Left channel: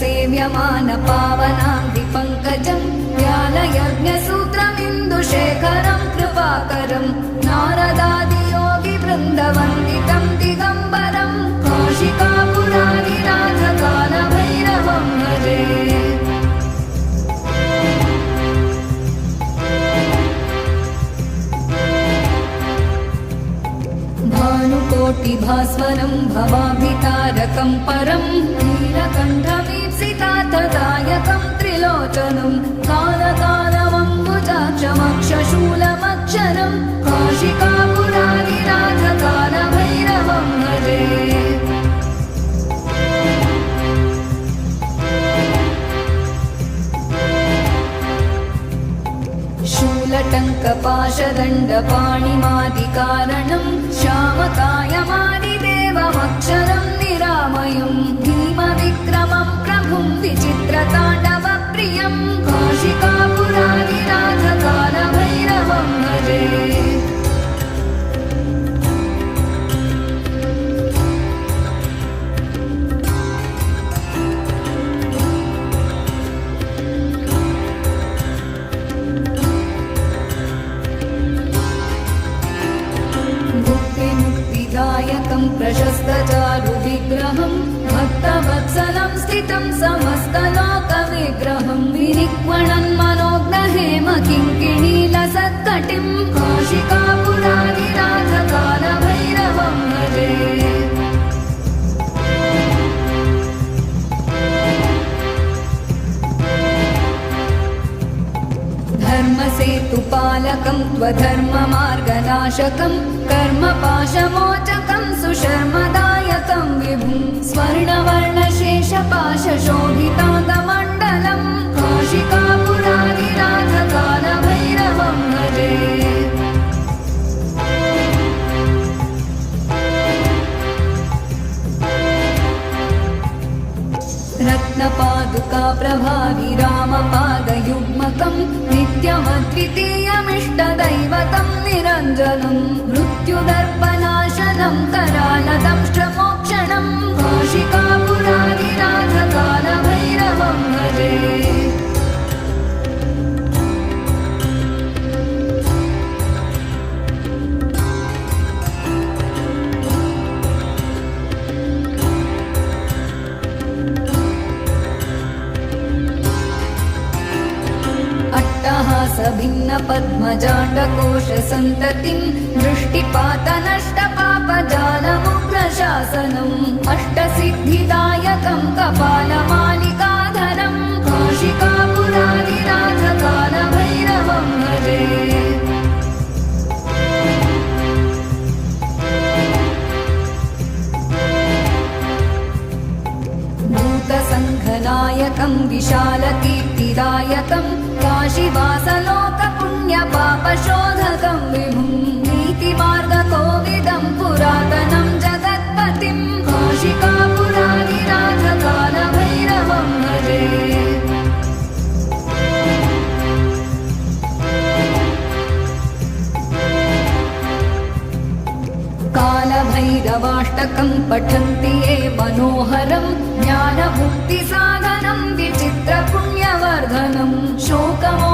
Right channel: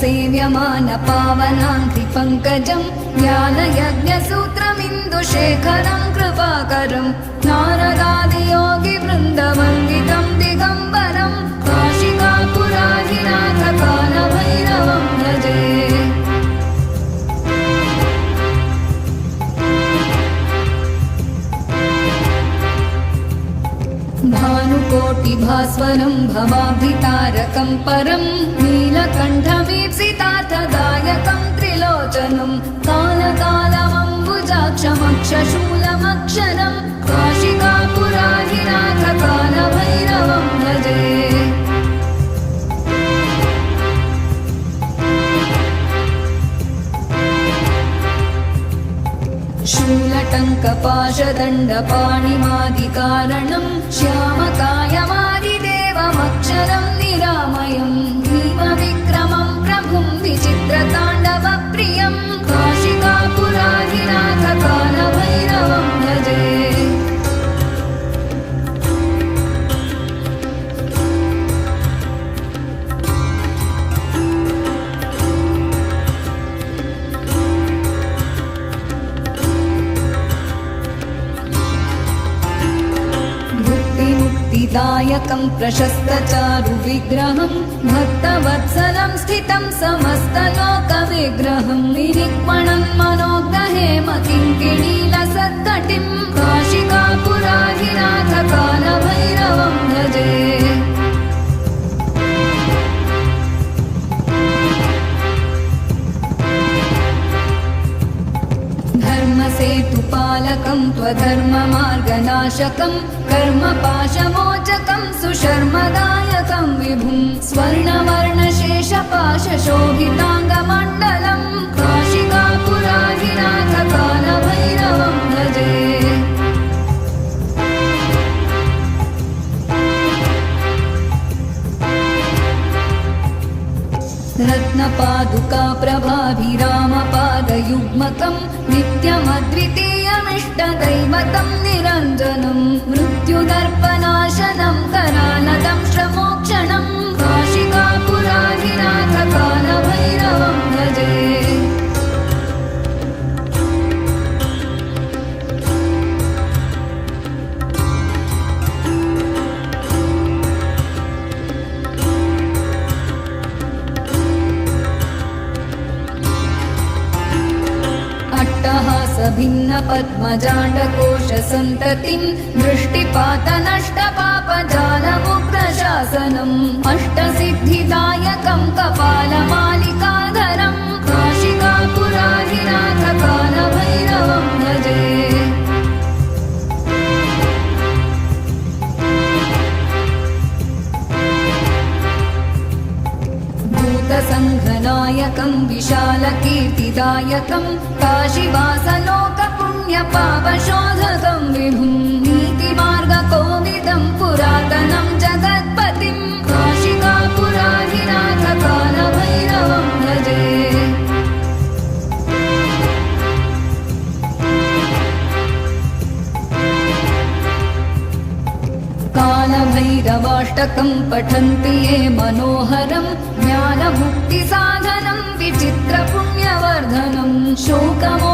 सेव्यमान पावनाङ्घ्रिपङ्कजं ज्ञानयज्ञसूत्रमिन्दुशेखरं कृपाकरं नारदादियोगिवृन्दवन्दितं दिगम्बरं काशिकापुराधिनाथ कालभैरवं भजे। भानुकोटिभास्वरं भवाभितारकं परं नीलकण्ठमीप्सितार्थदायकं त्रिलोचनं कालकालमम्बुजाक्षमक्षशूलमक्षरं काशिकापुराधिनाथ कालभैरवं भजे। शूलटङ्कपाशदण्डपाणिमादिकारणं श्यामकायमादिदेवमक्षरं निरामयं भीमविक्रमं प्रभुं विचित्रताण्डवप्रियं काशिकापुराधिनाथ कालभैरवं भजे। दायकं प्रशस्तचारुविग्रहं भक्तवत्सलं स्थितं समस्तलोकविग्रहं विनिक्मणं मनोज्ञहेम किङ्किणीलसत्कटिं काशिकापुराधिनाथ कालभैरवं भजे। धर्मसेतुपालकं त्वधर्ममार्गनाशकं कर्मपाशमोचकं सुशर्मदायकं विभुं स्वर्णवर्णशेषपाशशोभिताङ्गमण्डलं काशिकापुराधिनाथ कालभैरवं भजे। रत्नपादुकाप्रभाभिरामपादयुग्मकं नित्यमद्वितीयमिष्टदैवतं निरञ्जनं मृत्युदर्पनाशनं करालदं श्रमोक्षणं काशिकापुराधिनाथ कालभैरवं भजे। भिन्नपद्मजाण्डकोशसन्ततिं दृष्टिपातनष्टपापजालमुग्रशासनम् अष्टसिद्धिदायकं कपालमालिकाधरं काशिकापुराधिनाथ कालभैरवं भजे। भूतसङ्घनायकं विशालकीर्तिदायकं काशीवासलोकपुण्यपापशोधकं विभुं नीतिमार्गकोविदं पुरातनं जगत्पतिं काशिकापुराधिनाथ कालभैरवं भजे। कालभैरवाष्टकं पठन्ति ये मनोहरं ज्ञानमुक्तिसाधनं विचित्रपुण्यवर्धनं शोकमो